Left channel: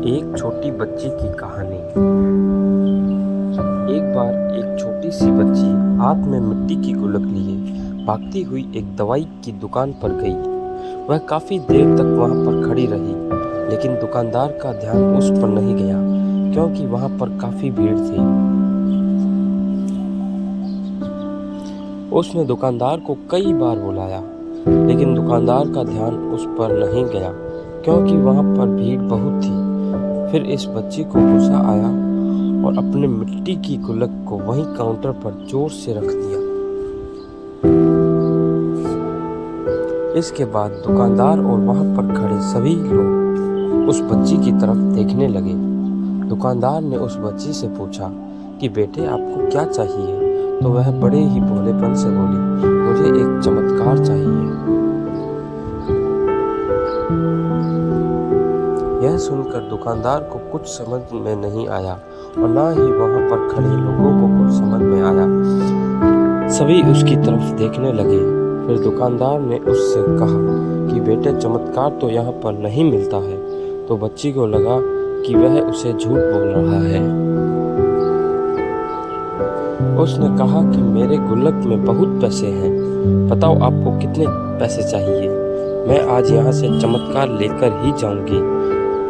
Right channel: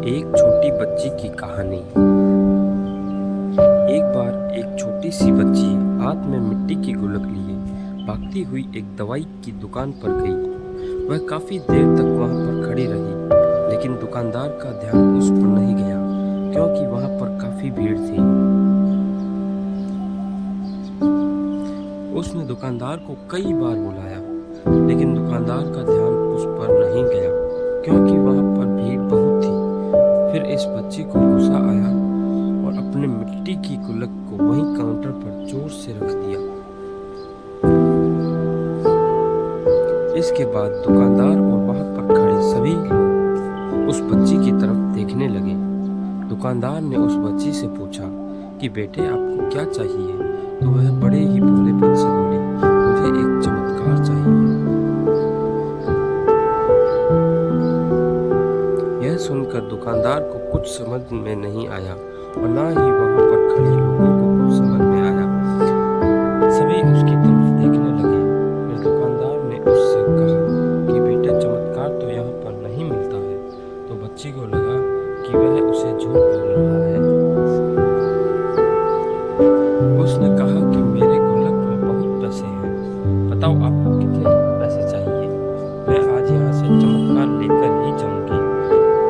एक छोटी बच्ची की कहानी। एक बार एक छोटी सी बच्ची हाथ में मिट्टी की गुल्लक लिए भागती हुई एक दवाई की दुकान पर गई। वह काफी देर तक वहां पर खड़ी रही, लेकिन दुकानदार का ध्यान उस पर नहीं गया क्योंकि वहां पर काफी भीड़ थी। उसने दुकानदार को कई बार बुलाया, लेकिन दुकानदार का ध्यान उस पर नहीं गया क्योंकि वहां पर भीड़ बहुत थी। फिर इस बच्ची को गुस्सा आया और अपने मिट्टी की गुल्लक को वहीं काउंटर पर जोर से रख दिया। इसके बाद दुकानदार और वहां पर खड़े सभी लोग उस बच्ची की तरफ देखने लगे। दुकानदार ने उस बच्ची से पूछा कि बेटे, आपको क्या चाहिए? तो वह बड़े ही भोलेपन से बोली, मुझे एक चमत्कार चाहिए। यह सुनकर दुकानदार को कुछ समझ में नहीं आया और ना ही वहां पर खड़े लोगों को कुछ समझ में आया। सभी उसकी तरफ देखने लगे। फिर दुकानदार ने उससे कहा कि बेटे, चमत्कार तो यहाँ पर नहीं मिलता है। तो बच्ची को लगा कि वह उसे झूठ बोल रहा है। उसने कहा कि मेरे गुल्लक में बहुत पैसे हैं, बताओ आपको कितने पैसे चाहिए? मैं आज यहाँ से चमत्कार लेकर ही जाऊंगी।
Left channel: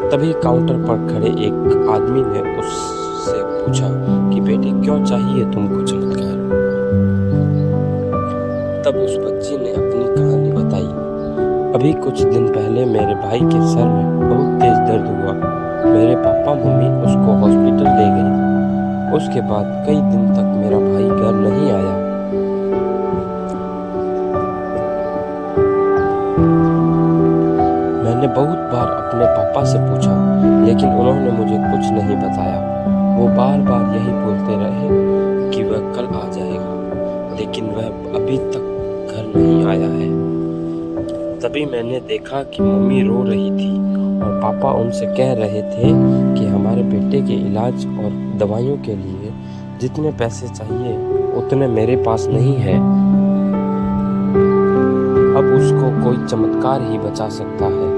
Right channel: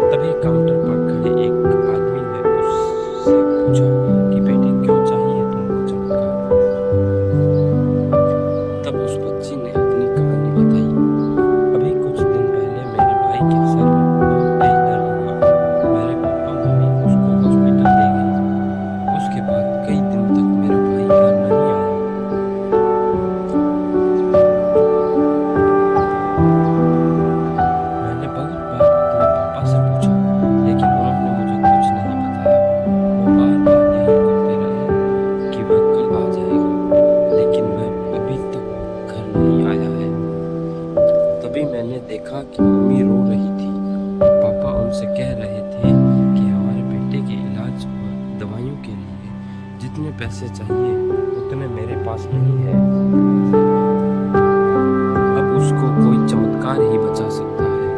तभी काउंटर पर खड़े एक आदमी ने उससे पूछा कि बेटे, क्यों चाहिए तुमको चमत्कार? तब उस बच्ची ने अपनी कहानी बताई। अभी कुछ दिन पहले मेरे भाई के सर में बहुत तेज दर्द हुआ। मेरे पापा मम्मी उसको हॉस्पिटल ले गए। उसके बाद कई दिन तक मेरा भाई घर नहीं आया। मैंने बहुत बार अपने पापा से पूछा, लेकिन उन्होंने मुझे कुछ नहीं बताया। वो बार बार यही बोलते रहे कि वह कल आ जाएगा, लेकिन वह अभी तक घर नहीं आया है। तभी मैंने देखा कि मम्मी रो रही थी और पापा उनसे कह रहे थे कि हमारे बेटे के इलाज और दवाइयों के लिए जितने पैसे चाहिए उतने मेरे पास नहीं है। अब उसको कोई चमत्कार ही बचा सकता है।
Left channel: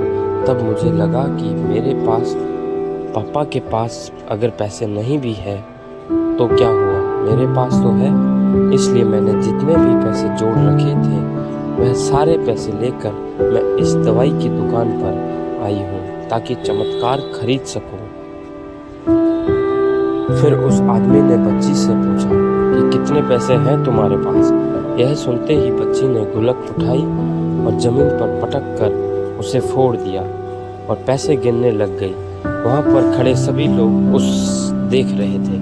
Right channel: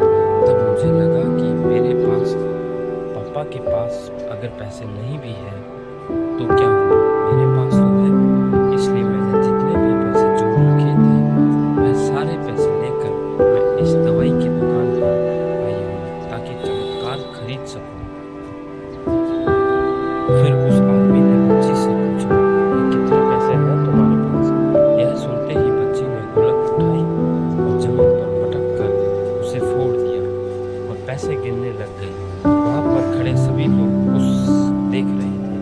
तब मुझे लगा कि मेरे पास, पापा के पास अगर पैसे नहीं भी है तो क्या हुआ, मेरे पास तो है। इसलिए मैंने जितने भी पैसे जोड़ रखे थे वह सारे पैसे लेकर मैं इस दवाई की दुकान पर आई हूँ ताकि चमत्कार खरीद सकूं। फिर उस आदमी ने बच्ची से पूछा कि कितने पैसे हैं तुम्हारे पास? यह सुनते ही बच्ची ने गुल्लक उठाई और जमीन पर पटक कर उसे फोड़ दिया और पैसे गिनने लग गई। वहां पर खड़े सभी लोग उस देख रहे थे।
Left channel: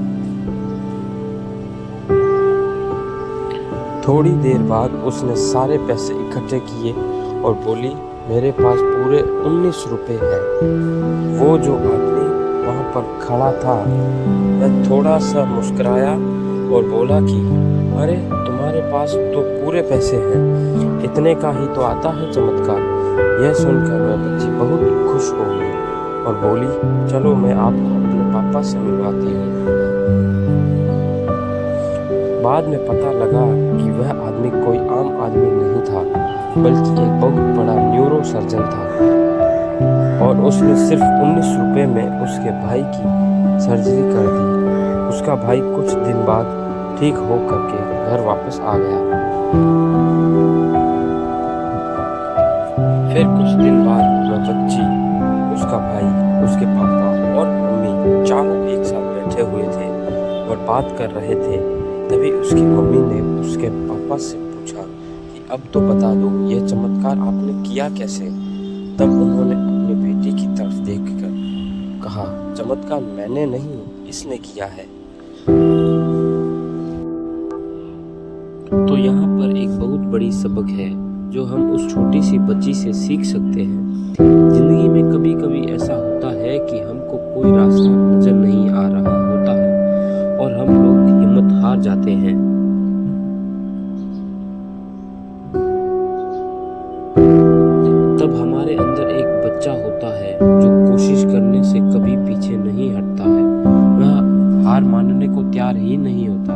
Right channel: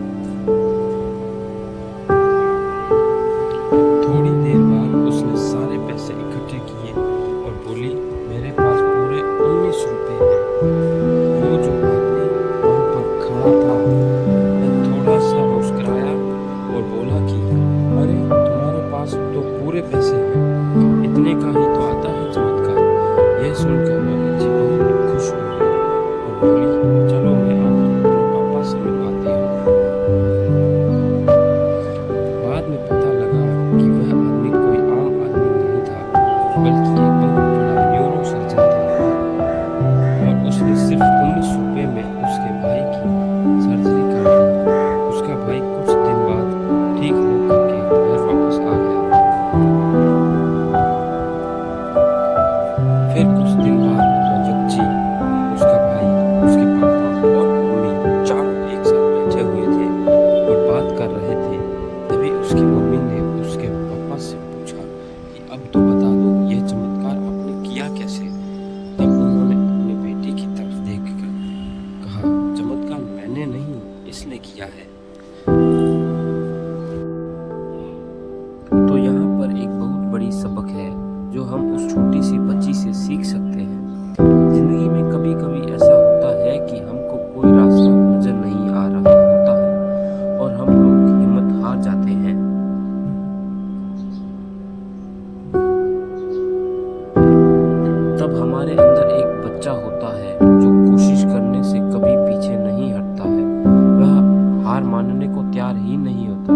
थोड़ी देर बाद उसने सारे पैसे इकट्ठे किए और बोली, मेरे पास पूरे 19 रुपए हैं। वो जो आदमी वहां पर खड़ा था वह थोड़ा सा मुस्कुराया और बोला कि अरे, तुम्हारे पास तो पूरे पैसे हैं, इतने का ही तो आता है चमत्कार। यह सुनकर वह बच्ची बहुत खुश हो गई और बोली, चलो मैं आपको अपने पापा से मिलवाती हूँ। बाद में पता लगा कि वह आदमी कोई आम आदमी नहीं था, बल्कि एक बहुत बड़ा न्यूरो सर्जन था और उसने सिर्फ 19 रुपए में उसके भाई की सर्जरी कर दी। उसका भाई कुछ दिन बाद ठीक हो करके घर वापस आ गया। फिर कुछ दिन बाद वह बच्ची, उसका भाई, उसके पापा और मम्मी चारों एक साथ बैठे हुए थे और बात कर रहे थे। तभी उसकी मम्मी ने उसके पापा से पूछा कि अब तो बता दो, ये चमत्कार आपने किया कैसे? तब उन्होंने अपनी बेटी की तरफ देखकर कहा, चमत्कार मैंने नहीं, इसने किया है। तो यहाँ पर एक बहुत बड़ी सबक है जो हम उस छोटी सी बच्ची से सीख सकते हैं। जिंदगी में कभी कभी ऐसा होता है कि हमको कोई रास्ता नजर नहीं आ रहा होता है और हम लोग हिम्मत हार जाते हैं। तब हमारे अंदर एक बच्चा होता है जो कोशिश करने से कभी पीछे नहीं हटता है। वह हार मानने को तैयार ही नहीं होता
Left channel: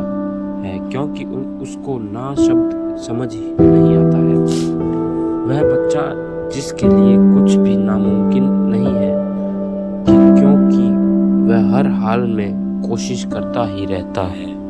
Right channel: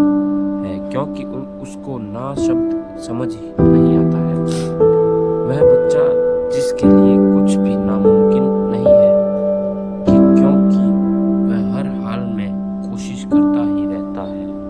है क्योंकि उसको ना शब्द समझ ही नहीं आता है। वह बच्चा जिसके लिए कुछ भी नामुमकिन नहीं है, क्योंकि कोशिश करता ही रहता है।